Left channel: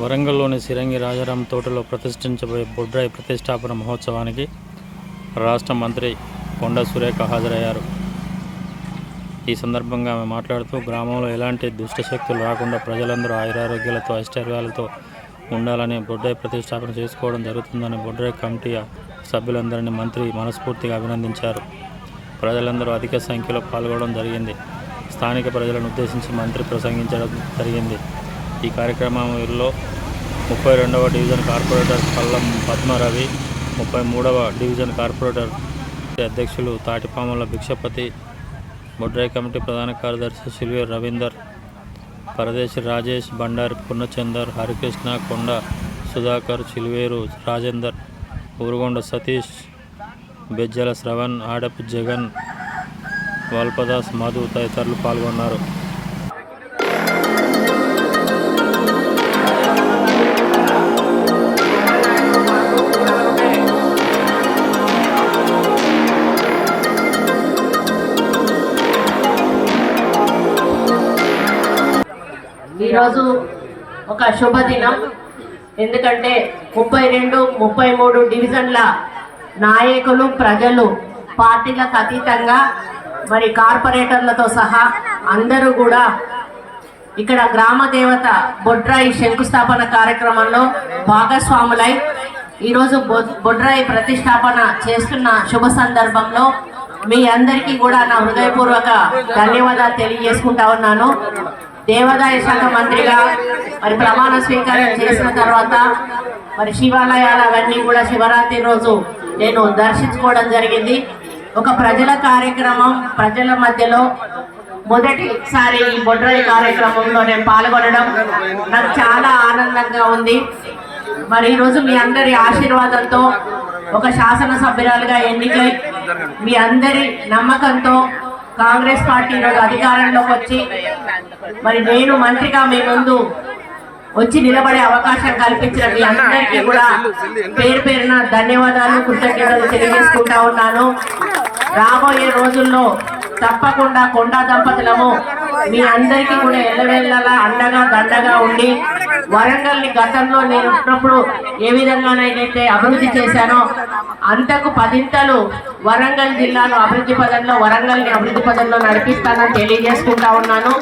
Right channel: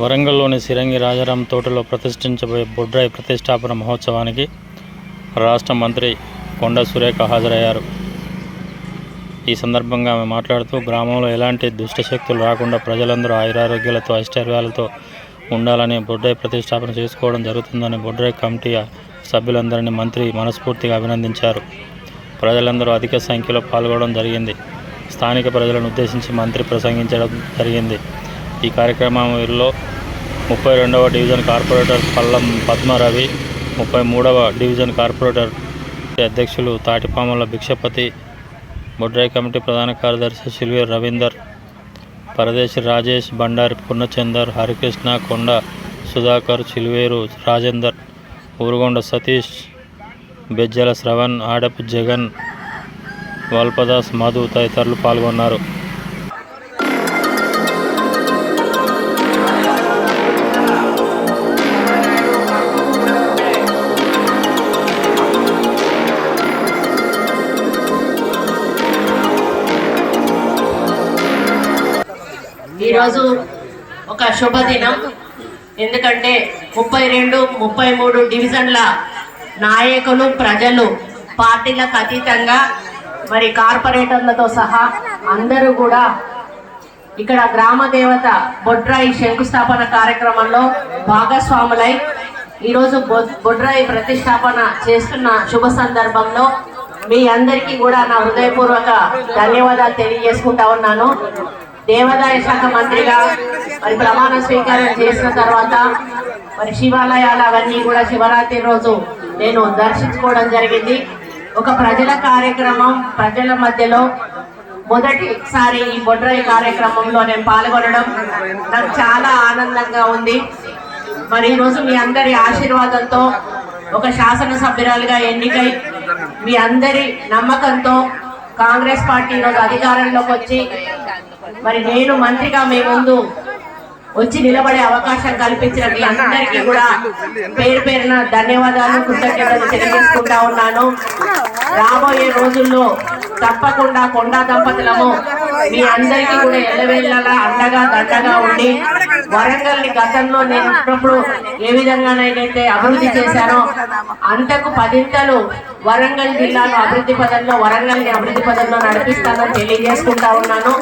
వరంగల్లోని సిరంగి రాజారాం తోటలో ప్రతిష్ఠించబోయే బొడ్రాయి ప్రతిష్టాపన మహోత్సవానికి రాష్ట్ర మంత్రి కొండా సురేఖ హాజరయ్యారు. ఈ సందర్భంగా ఆమె మాట్లాడుతూ, గ్రామంలో ఎలాంటి దుష్టశక్తులు రాకుండా ప్రజలందరూ ఆయురారోగ్యాలతో ఐశ్వర్యాలతో ఉండాలని బొడ్రాయి ప్రతిష్టాపన చేసుకోవడం జరుగుతుందని బొడ్రాయి కమిటీ సభ్యులందరినీ మంత్రి మనస్ఫూర్తిగా అభినందించారు. ప్రజలందరూ అధిక సంఖ్యలో పాల్గొనడం జరిగింది. స్థానిక ప్రజలను ఉద్దేశించి మంత్రి ప్రసంగించడం జరిగింది. ఈ కార్యక్రమంలో 32వ డివిజన్ కార్పొరేటర్ పల్లం పద్మరవి, 33వ డివిజన్ కార్పొరేటర్ అధ్యక్షులు తాటిపాముల భిక్షపతి, బొడ్రాయి కమిటీ ప్రధాన కార్యదర్శి సిల్వేర్ రవీందర్, పరదేశి రాజేష్, బండారి పూర్ణచందర్, హరికృష్ణ, కొండ సుధాకర్, చిల్వేరు రాజేందర్, ఊరుగొండ సతీష్, బెజ్జల శ్రవణ్, ఆడపు జగన్, వల్పదాస్, మధు తదితరులు పాల్గొన్నారు. ఈరోజు ఒక శుభదినం. ఎందుకంటే 32, 33 డివిజన్ల నాయకులు, ప్రజలు పార్టీలకు అతీతంగా మరి కార్పొరేటర్లతో సహా అందరూ కూడా ఇక్కడ గ్రామ దేవత బొడ్రాయి శంకుస్థాపన కార్యక్రమంలో భాగస్వాములై ఈరోజు బొడ్రాయి ప్రతిష్టాపన చేస్తున్న శుభ సందర్భంలో మీ అందరికీ కూడా నా హృదయపూర్వక ధన్యవాదాలు తెలియజేసుకుంటా ఉన్నాను. దేవాదాయ శాఖ మంత్రిగా మరి ప్రమాణ స్వీకారం చేసిన తర్వాత మరి శివాలయాలు అవన్నీ కూడా శివరాత్రి రోజు నేను దర్శించుకోవడం జరిగింది. ఒక ప్రజల కార్యక్రమం, ప్రజల మధ్యలో మొదటిసారి ఈ బొడ్రాయి కార్యక్రమంలో నేను పాల్గొనడం నాకు చాలా ఆనందంగా ఉంది. మరి ఈరోజు మీ అందరి ఆశీర్వాదంతో ఒక శాసనసభ్యురాలుగా ఎన్నికై మీ అందరి నమ్మకంతో కాంగ్రెస్ పార్టీ ఈరోజు అధికారంలోకి వచ్చి మరి నేను మంత్రిగా మీ ముందు వచ్చి నిలబడే అవకాశం కల్పించిన మీ అందరికీ కూడా పేరు పేరున ధన్యవాదాలు, కృతజ్ఞతలు తెలియజేసుకుంటా ఉన్నాను. రాబోయే రోజుల్లో తప్పకుండా కొండా దంపతులము మీ అందరికీ కూడా ఎల్లవేళ్ళగా అండగా దండగా ఉండి వరంగల్ని గతంలో నేను ఉన్నప్పుడు ఏ విధంగానైతే అభివృద్ధి చేశానో అంతకు 10 వరంగల్ జిల్లాలో అభివృద్ధి పదంలో, వరంగల్ని అభివృద్ధి పదంలో నడిపిస్తానని తెలియజేసుకుంటా ఉన్నాను.